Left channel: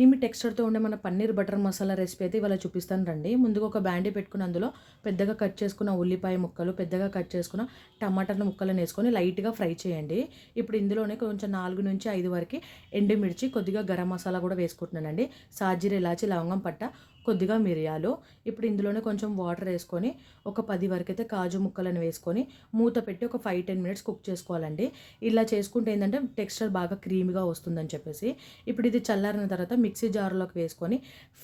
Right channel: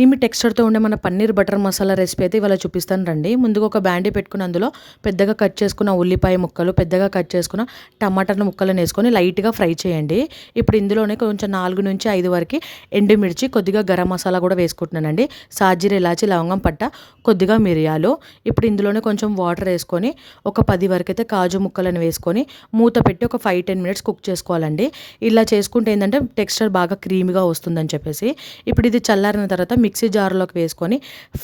Creamy టెక్స్చర్తో ఉండే మన paneer butter masala recipe అయితే ఇవాళ చూపిస్తాను రండి. ముందుగా ఒక బ్యాండీ పెట్టుకుని అందులో పెద్దగా కట్ చేసుకున్న ఉల్లిపాయ ముక్కలు, పెద్దగా కట్ చేసుకున్న టమాటాల ముక్కలను వేసుకొని లైట్గా ఫ్రై చేయండి. ఇప్పుడు ఇందులోనే కొంచెం 4 నుంచి 5 వరకు ఎండుమిర్చి, కొద్దిగా గరం మసాలా కూడా వేసుకుంటున్నానండి. సాజీర, ఇలాచి, లవంగం పట్ట, కొద్దిగా మిరియాలు. ఇప్పుడు ఇందులోనే కొంచెం వాటర్ వేసుకొని ఒక 10 వరకు అయితే కాజు ముక్కలను వేసుకొని మూత పెట్టి ఒక 5-10 మినిట్స్ కుక్ చేసుకోవాలండి. ఇలా చేసుకుంటే ఏంటంటే టెక్స్చర్ బాగా క్రీమీగా వస్తుందని చెప్పేసి. ఇప్పుడు ఇది చల్లారిన తర్వాత మిక్సీ జార్లోకి వేసుకొని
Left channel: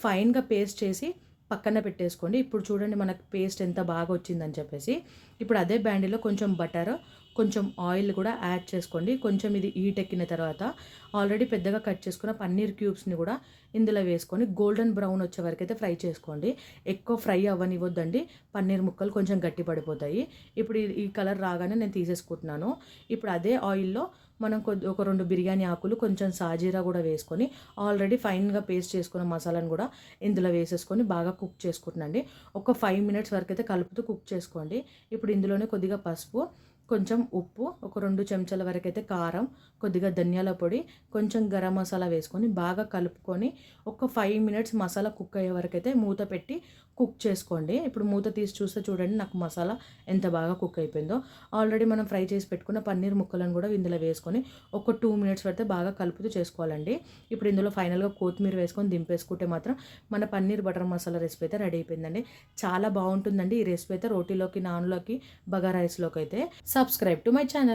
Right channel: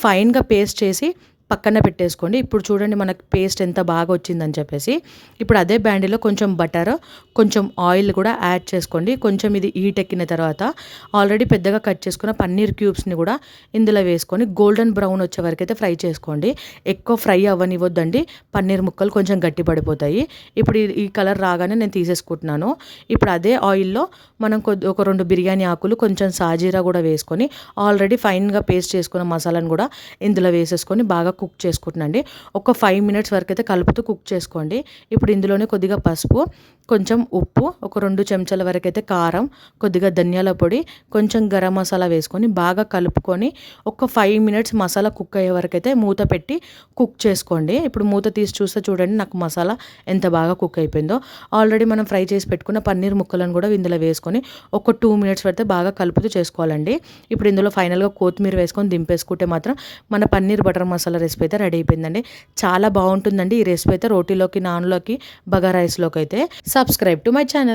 ఫైన్గా పేస్ట్ చేసి పక్కన పెట్టేసుకోండి. ఇప్పుడు చూడండి మనకు పేస్ట్ ఎంత బాగా వచ్చిందని చెప్పేసి. ఇప్పుడు అదే బ్యాండీలో కొంచెం బటర్, కొంచెం ఆయిల్ కూడా యాడ్ చేసుకోండి. కొంచెం ఇది హీట్ ఎక్కిన తర్వాత ఆల్రెడీ పెద్దగా కట్ చేసుకున్న పన్నీర్ క్యూబ్స్ని కూడా ఇందులో వేసుకొని గోల్డెన్ బ్రౌన్ వచ్చే వరకు అయితే ఫ్రై చేసుకోండి. ఎక్కువ ఫ్రై అవ్వనివ్వద్దండి, పన్నీర్ ముక్కలు కొంచెం గట్టి పడిపోతాయి. ఇప్పుడు ఈ కలర్ రాగానే నేను తీసేసుకుంటున్నాను. ఇప్పుడు అదే ఆయిల్లో మనం ఒక 2 బిర్యానీ ఆకులు, కొంచెం సాజీరా కూడా వేసుకొని ఆల్రెడీ ఫైన్గా పేస్ట్ చేసుకున్న మసాలాను కూడా ఇందులో వేసేసుకొని బాగా కుక్ చేసుకుంటున్నాండి. ఒక 5 మినిట్స్ వరకు అయితే కలుపుతూ కుక్ చేసుకోండి. ఇప్పుడు ఇందులోనే కొద్దిగా పసుపు, కొంచెం ఉప్పు, ఒక 2 చెంచాల వరకు అయితే కారం, కొద్దిగా ధనియాల పొడి, కొంచెం గరం మసాలా వేసుకొని బాగా కలుపుకొని ఒక 5 మినిట్స్ మసాలా కుక్ అయ్యే వరకు అయితే మూత పెట్టి కుక్ చేసుకోండి. ఇప్పుడు మూత తీసి చూస్తే చూడండి నాకు మసాలా ఎంత బాగా కుక్ అయిపోయిందో. ఆల్రెడీ మనం ఫ్రై చేసి పెట్టుకున్న పన్నీర్ ముక్కలను కూడా ఇందులో వేసుకొని ఒక 2 మినిట్స్ వరకు బాగా కలుపుతూ చేసుకోవాలండి. ఇప్పుడు ఇందులో ఫైనల్గా కొత్తిమీర వేసుకొని దింపేసుకుంటే మాత్రం మన పన్నీర్ బటర్ మసాలా రెసిపీ అయితే రెడీ అయిపోయిందండి. చాలా బాగుంటుందండి ఈ రెసిపీ అయితే. రోటీలోకి, నాన్లోకి, బగారా రైస్లోకి అయితే. Subscribe to my channel.